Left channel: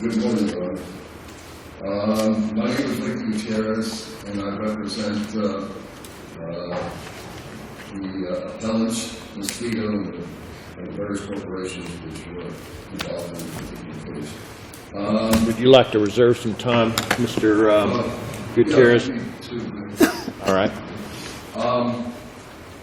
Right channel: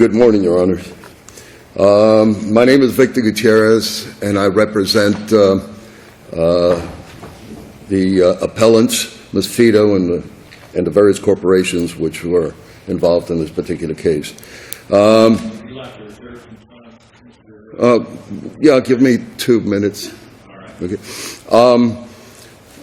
Good morning, Your Honors. My name is Victor Gutierrez, and I represent the appellants, Ms. Fito, and the various corporations which were involved in this particular case. Would you like to reserve some time, Mr. Gutierrez? Yeah, give me 2 minutes. All right. Okay.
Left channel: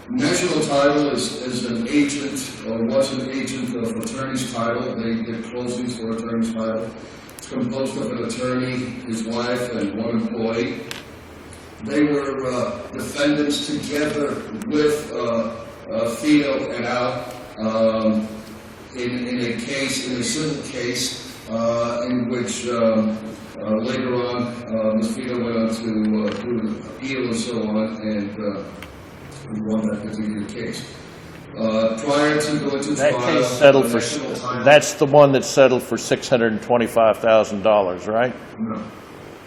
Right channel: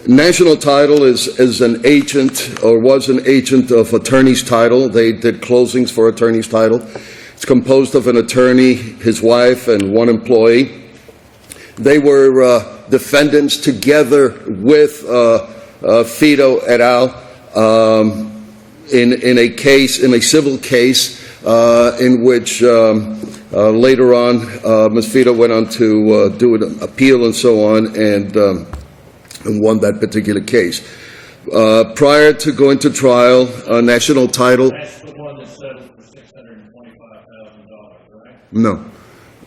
National Title is an agent, or was an agent of Attorney's Title. They did closings for Attorney's Title. It's composed of an attorney, his wife, and one employee. They were defendants together with Fito et al. In a case, in a civil case, in which later on Ms. Fito went on to do an appeal and so on, and won that particular case. Prior to going to trial, National Title... That's the one that settled for $625,000, right? No.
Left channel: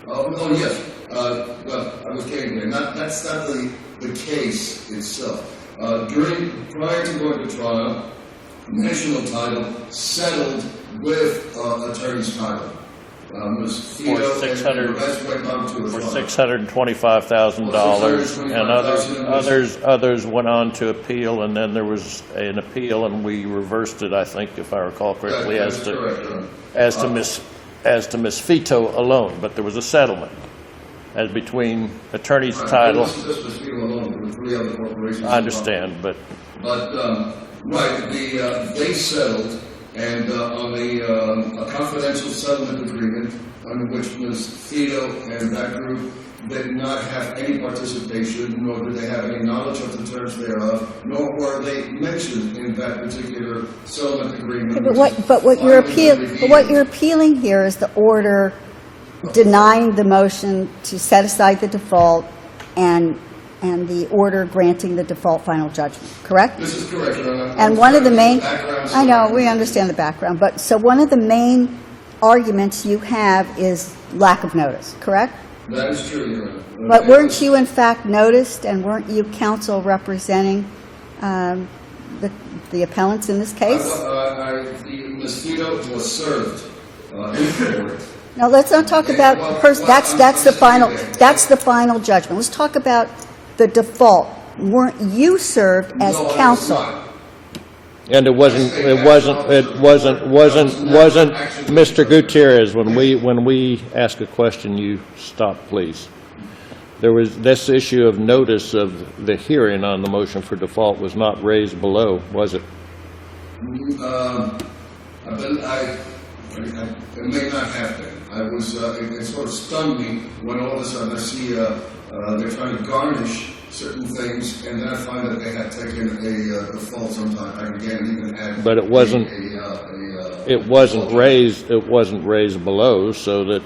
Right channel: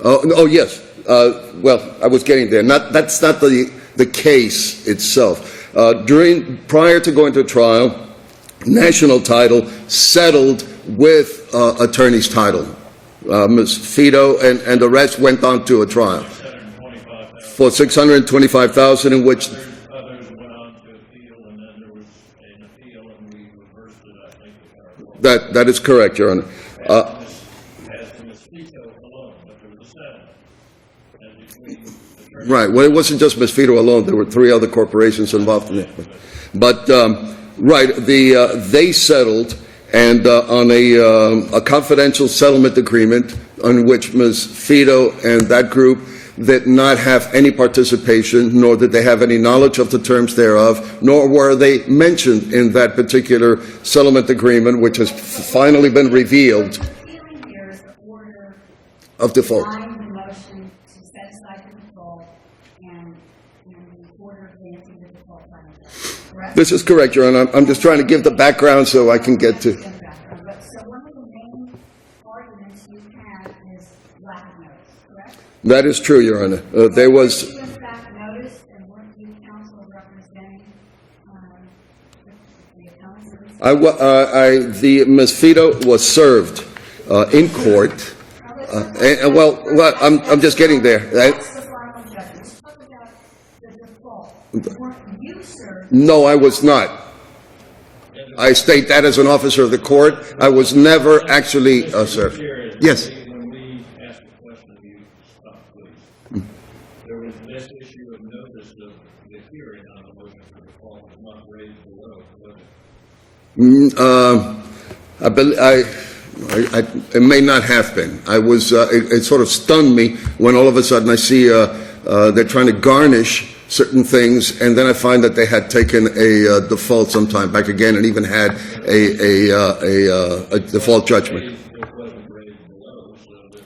Oh, yes. Well, I was getting there. That's not the case itself. Prior to going to trial, National Title settled with Attorney's Title. Ms. Fito and the rest went on to a trial. $625,000. For $625,000, in which others went on to appeal, and then there was an appeal, and we reversed it, I think, if I recall correctly. That is correct, Your Honor. As to Ms. Fito alone, but there was a settlement as between Attorney's Right. Title. Well, it wasn't just Ms. Fito alone. There were 3 other corporations involved. I understand, but right, they settled. And on a confidential settlement agreement on which Ms. Fito and that group did not have any participation, nor did they have any knowledge of the terms thereof, nor were they mentioned in that particular settlement agreement, which has finally been revealed. What you're appealing here is the order of denying the motion to set aside the default and the order granting the default final judgment, correct? This is correct, Your Honor. I'm just trying to give the background so I can get to... we understand the background. But so one of the main arguments you have is lack of notice, correct? That is true, Your Honor. But weren't you in fact noticed, and weren't you counsel representing the appellants in this case? The Ms. Fito was served in court. No, let's not talk about... I'm just getting there. That's the final judgment. Let's talk about the default. Weren't you served as No, I was counsel? not. And I state that as an officer of the court. I was never actually Mr. Gutierrez, Yes. when we ask a question, you stop, please. There was this issue of notice of the hearing on the motion for default was not raised below, was it? It may not have been. I was. It sort of stunned me when all of a sudden I see they're trying to garnish certain things, and then I find that they had taken a default sometime back again, and even had a default judgment. It wasn't raised below, so that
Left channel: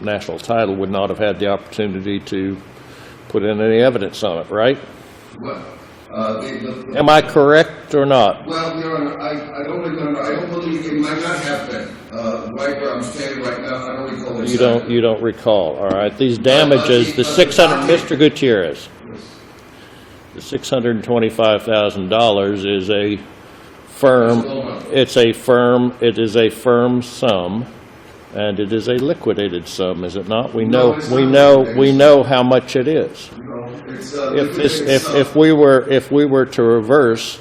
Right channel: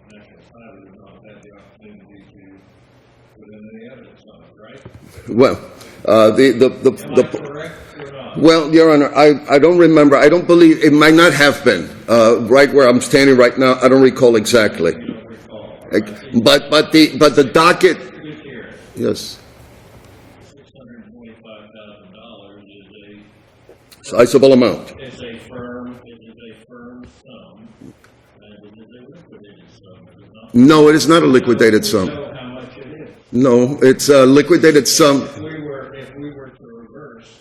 National Title would not have had the opportunity to put in any evidence on it, right? Well, am I correct or not? Well, Your Honor, I don't remember. I don't believe it might not have been right where I'm standing right now. I don't recall exactly. You don't recall. All right. These damages. The docket, Mr. Gutierrez. Yes. The $625,000 is a firm. Sizable amount. It's a firm. It is a firm sum, and it is a liquidated sum, is it not? No, it is not a liquidated sum. We know how much it is. No, it's a liquidated sum. If we were to reverse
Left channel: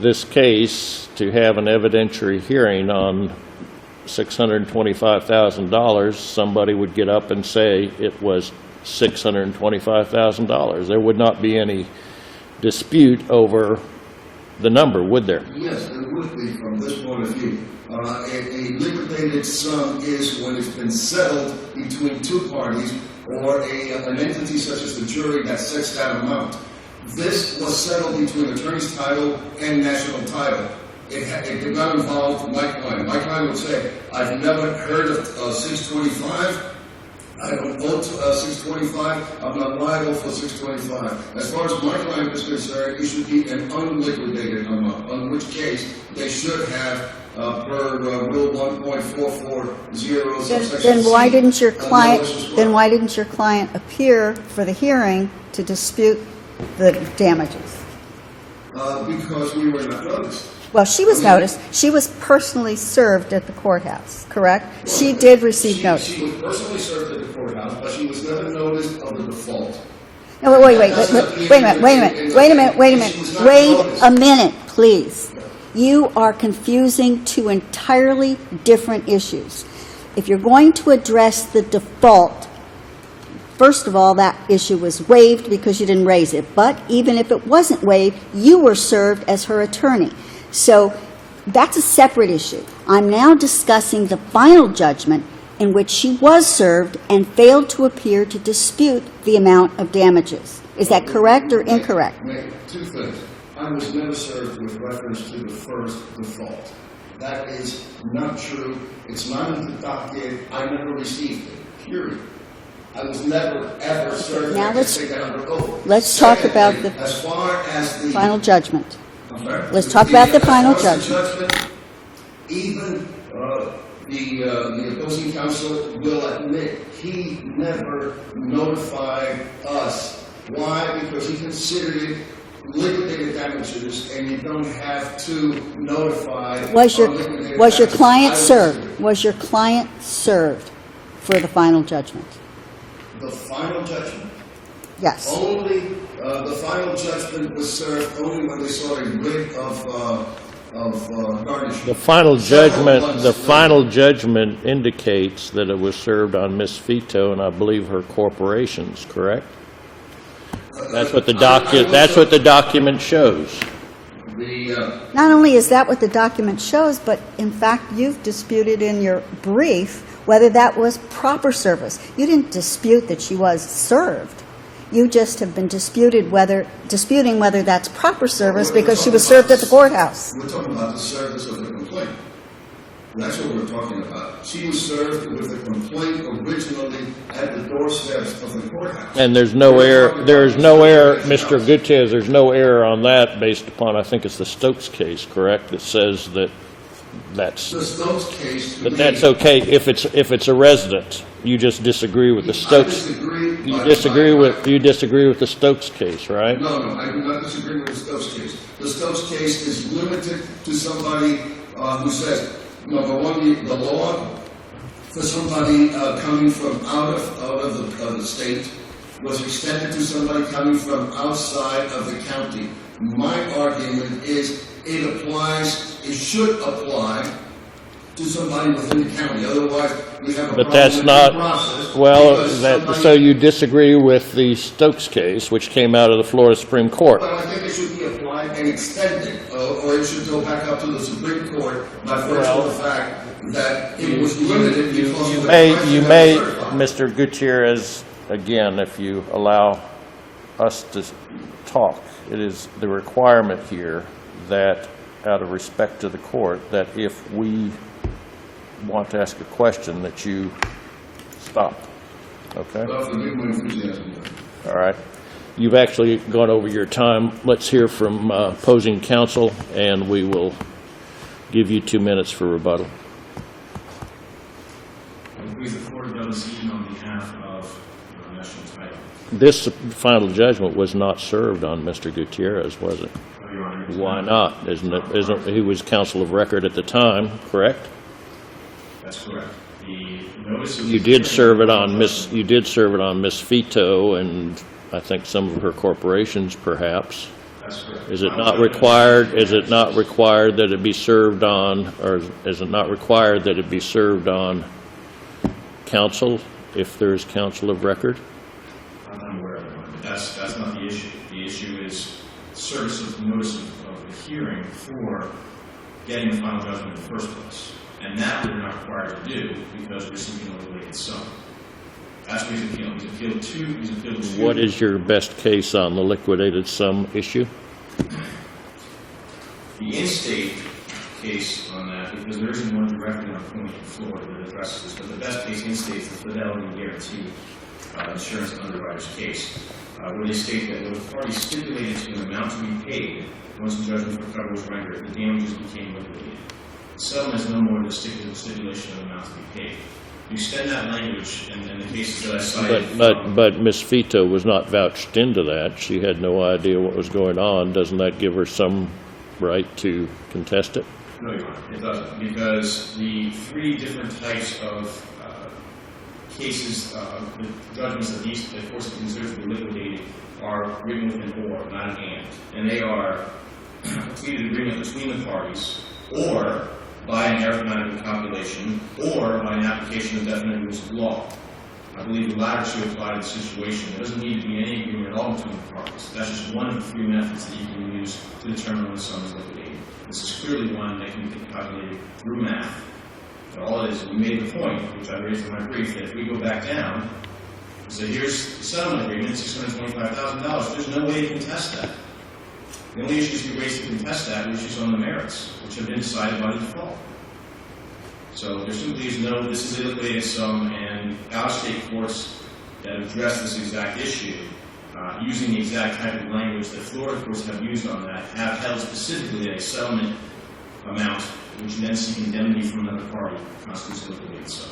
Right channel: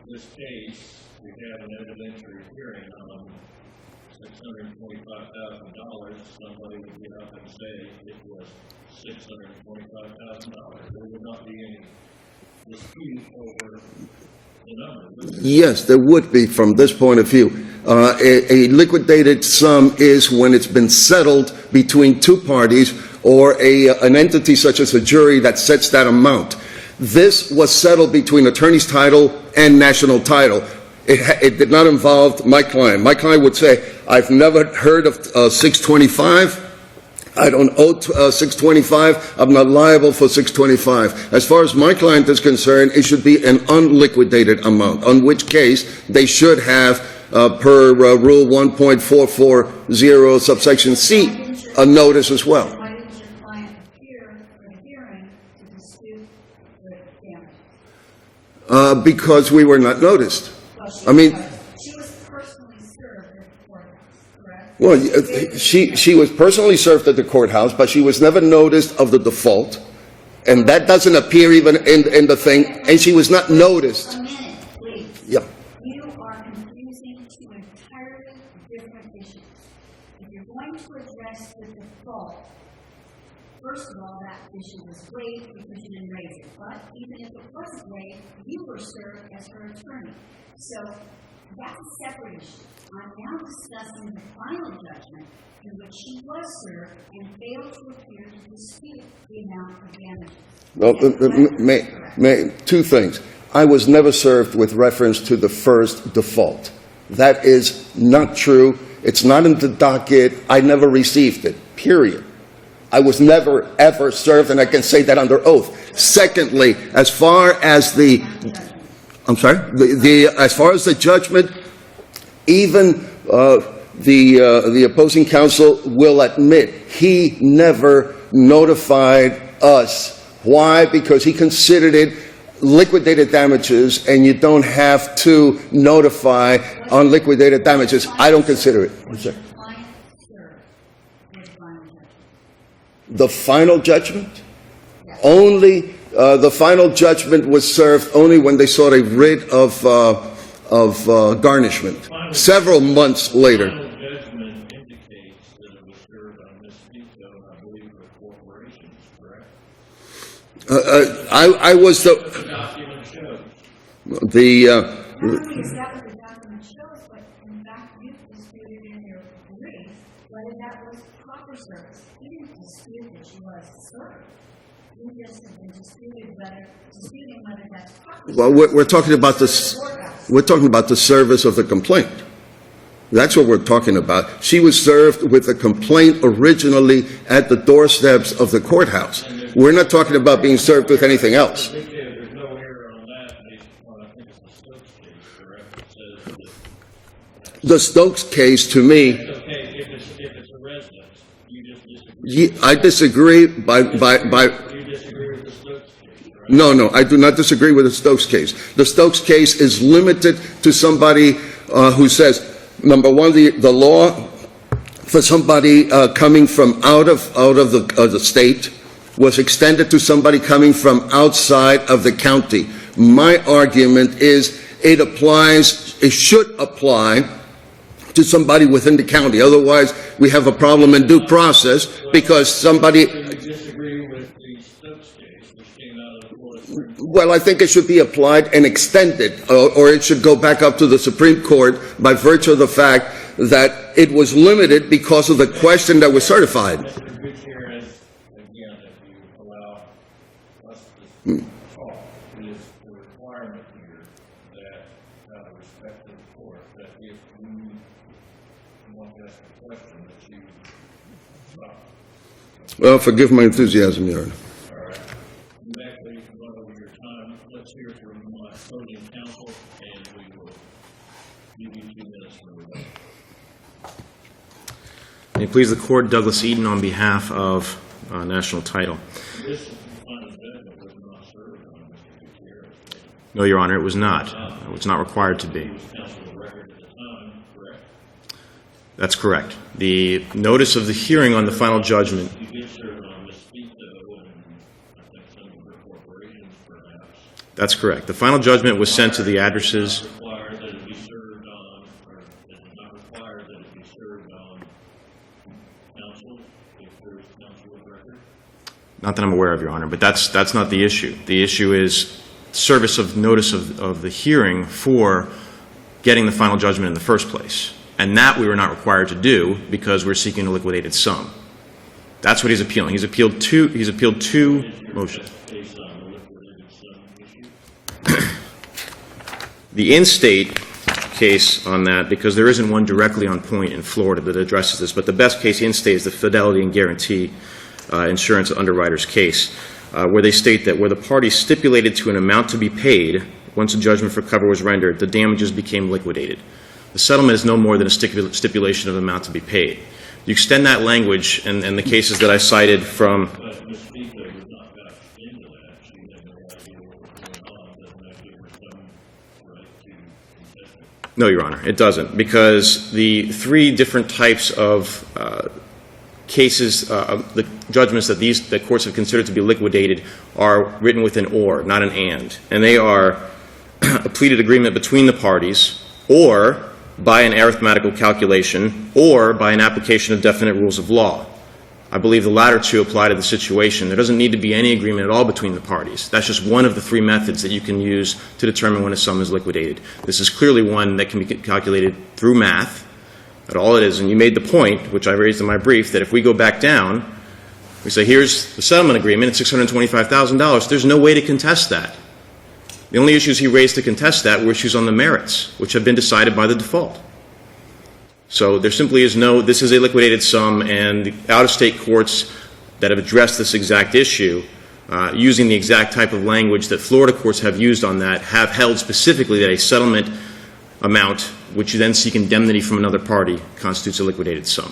this case to have an evidentiary hearing on $625,000, somebody would get up and say it was $625,000. There would not be any dispute over the number, would there? Yes, there would be from this point of view. A liquidated sum is when it's been settled between 2 parties or an entity such as a jury that sets that amount. This was settled between Attorney's Title and National Title. It did not involve my client. My client would say, I've never heard of 625. I don't owe 625. I'm not liable for 625. As far as my client is concerned, it should be an unliquidated amount, on which case they should have, per Rule 1.440, subsection C, a notice as well. Then why didn't your client appear for the hearing to dispute the damages? Because we were not noticed. Well, she I was mean- noticed. She was personally served at the courthouse, correct? Well, She did receive notice. She was personally served at the courthouse, but she was never noticed of the default. No, And wait, that wait, doesn't wait, appear wait a even minute, in the wait a thing, minute, wait a and she minute. was not Wait noticed. a minute, please. Yep. You are confusing two entirely different issues. If you're going to address the default, first of all, that issue was waived because you didn't raise it. But even if it wasn't waived, you were served as her attorney. So that's a separate issue. I'm now discussing the final judgment in which she was served and failed to appear to dispute the amount of damages. Is that correct or incorrect? Two things. I was never served with reference to the first default. That is not true. It's not in the docket. I never received it, period. I was never, ever served, and I can say that under oath. Let's talk about Secondly, the as far as the... final judgment. I'm sorry? Let's talk about the as far final as the judgment, even the opposing counsel will admit he never notified us. Why? Because he considered it liquidated damages, and you don't have to notify on liquidated damages. I don't consider it. Was your client served for the final judgment? The final judgment? Yes. Only, the final judgment was served only when they sought a writ of garnishment. The final Several judgment, months the later. final judgment indicates that it was served on Ms. Fito and I believe her corporations, correct? That's what the that's what the document shows. Not only is that what the document shows, but in fact, you've disputed in your brief whether that was proper service. You didn't dispute that she was served. You just have been disputing whether that's proper service because she was served at the courthouse. We're talking about the service of the complaint. That's what we're talking about. She was served with a complaint originally at the doorsteps of the courthouse. And there's no error. We're not talking about being served with anything else. Mr. Gutierrez, there's no error on that based upon, I think it's the Stokes case, correct? That says that that's... The Stokes case, to me... That's okay if it's a resident. You just disagree with the Stokes... I disagree You disagree with the Stokes case, right? No, I do not disagree with the Stokes case. The Stokes case is limited to somebody who says, number one, the law for somebody coming from out of the state was extended to somebody coming from outside of the county. My argument is it should apply to somebody within the county. Otherwise, we have a problem in due process because somebody... So you disagree with the Stokes case, which came out of the Florida Supreme Court? Well, I think it should be applied and extended, or it should go back up to the Supreme Court by virtue of the fact that it was limited because of the question that was certified. Mr. Gutierrez, again, if you allow us to talk, it is the requirement here that, out of respect to the court, that if we want to ask a question, that you stop. Okay? Well, forgive my enthusiasm, Your Honor. All right. You've actually gone over your time. Let's hear from opposing counsel, and we will give you 2 minutes for rebuttal. May it please the Court, Douglas Eden on behalf of National Title. This final judgment was not served on Mr. Gutierrez, was it? No, Your Honor, it was not. Not. It's not required to be. He was counsel of record at the time, correct? That's correct. The notice of the hearing on the final judgment... You did serve it on Ms. Fito and I think some of her corporations, perhaps. That's correct. The final judgment was sent to the addresses... Is it not required that it be served on, or is it not required that it be served on counsel if there is counsel of record? Not that I'm aware of, Your Honor, but that's not the issue. The issue is service of notice of the hearing for getting the final judgment in the first place. And that we were not required to do because we're seeking a liquidated sum. That's what he's appealing. He's appealed two... What is your best case on the liquidated sum issue? The in-state case on that, because there isn't one directly on point in Florida that addresses this, but the best case in-state is the Fidelity and Guarantee Insurance Underwriters case, where they state that where the parties stipulated to an amount to be paid, once a judgment for cover was rendered, the damages became liquidated. The settlement is no more than a stipulation of the amount to be paid. You extend that language, and the cases that I cited from... But Ms. Fito was not vouched into that. She had no idea what was going on. Doesn't that give her some right to contest it? No, Your Honor, it doesn't, because the three different types of cases, the judgments that courts have considered to be liquidated are written with an or, not an and they are a pleaded agreement between the parties, or by an arithmetical calculation, or by an application of definite rules of law. I believe the latter two apply to the situation. There doesn't need to be any agreement at all between the parties. That's just one of the three methods that you can use to determine when a sum is liquidated. This is clearly one that can be calculated through math. But all it is, and you made the point, which I raised in my brief, that if we go back down, we say, here's the settlement agreement, it's $625,000. There's no way to contest that. The only issues he raised to contest that were issues on the merits, which have been decided by the default. So there simply is no, this is a liquidated sum, and the out-of-state courts that have addressed this exact issue, using the exact type of language that Florida courts have used on that, have held specifically that a settlement amount, which you then seek indemnity from another party, constitutes a liquidated sum.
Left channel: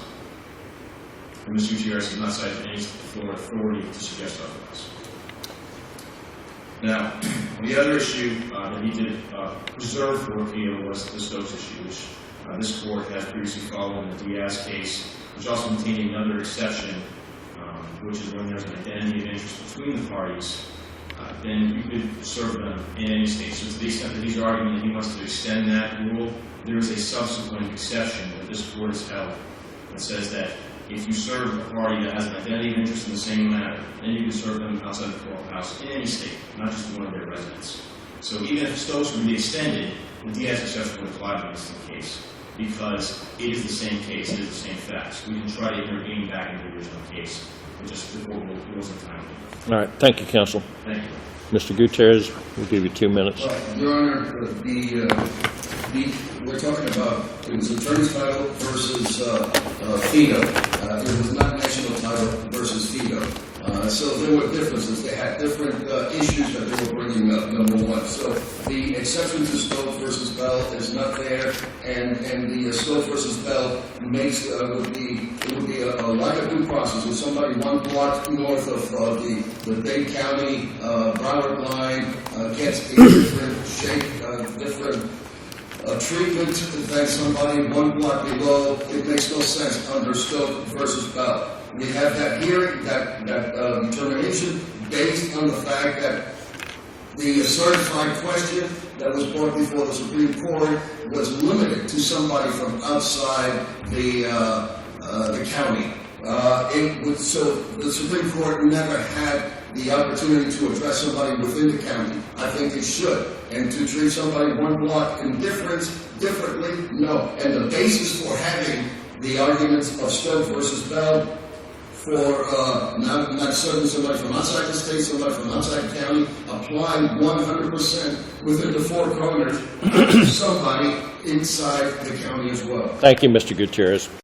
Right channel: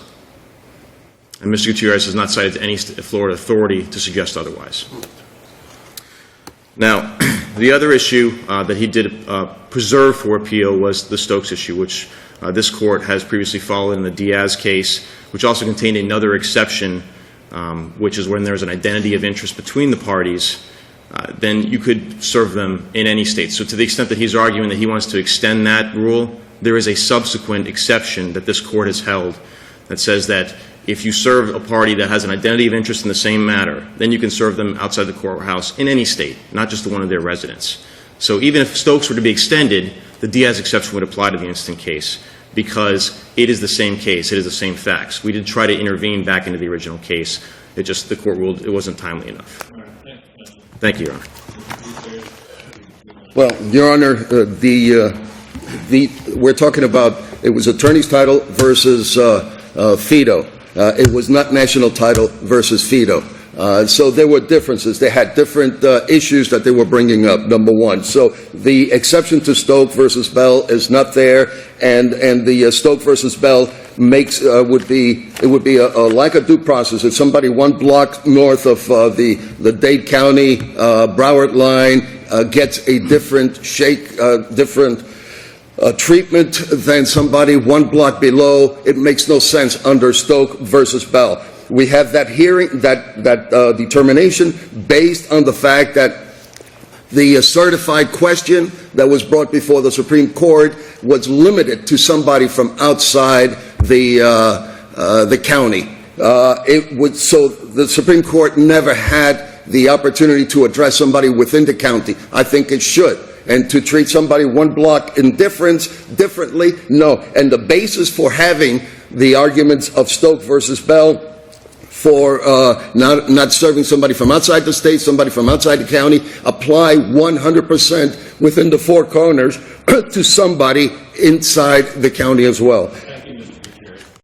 And Mr. Gutierrez has not cited any Florida authority to suggest otherwise. Now, the other issue that he did preserve for appeal was the Stokes issue, which this court has previously followed in the Diaz case, which also contained another exception, which is when there's an identity of interest between the parties, then you could serve them in any state. So to the extent that he's arguing that he wants to extend that rule, there is a subsequent exception that this court has held that says that if you serve a party that has an identity of interest in the same matter, then you can serve them outside the courthouse in any state, not just the one of their residence. So even if Stokes were to be extended, the Diaz exception would apply to the instant case because it is the same case, it is the same facts. We did try to intervene back into the original case. It just, the court ruled it wasn't timely enough. All right. Thank you, counsel. Thank you, Your Honor. Mr. Gutierrez, we'll give you 2 minutes. Well, Your Honor, we're talking about, it was attorney's title versus Fito. It was not national title versus Fito. So there were differences. They had different issues that they were bringing up, number one. So the exception to Stoke versus Bell is not there, and the Stoke versus Bell makes would be like a due process. If somebody 1 block north of the Dade County Broward line gets a different different treatment than somebody 1 block below, it makes no sense under Stoke versus Bell. We have that hearing, that determination based on the fact that the certified question that was brought before the Supreme Court was limited to somebody from outside the county. So the Supreme Court never had the opportunity to address somebody within the county. I think it should. And to treat somebody 1 block in differently, no. And the basis for having the arguments of Stoke versus Bell for not serving somebody from outside the state, somebody from outside the county, apply 100% within the 4 corners to somebody inside the county as well. Thank you, Mr. Gutierrez.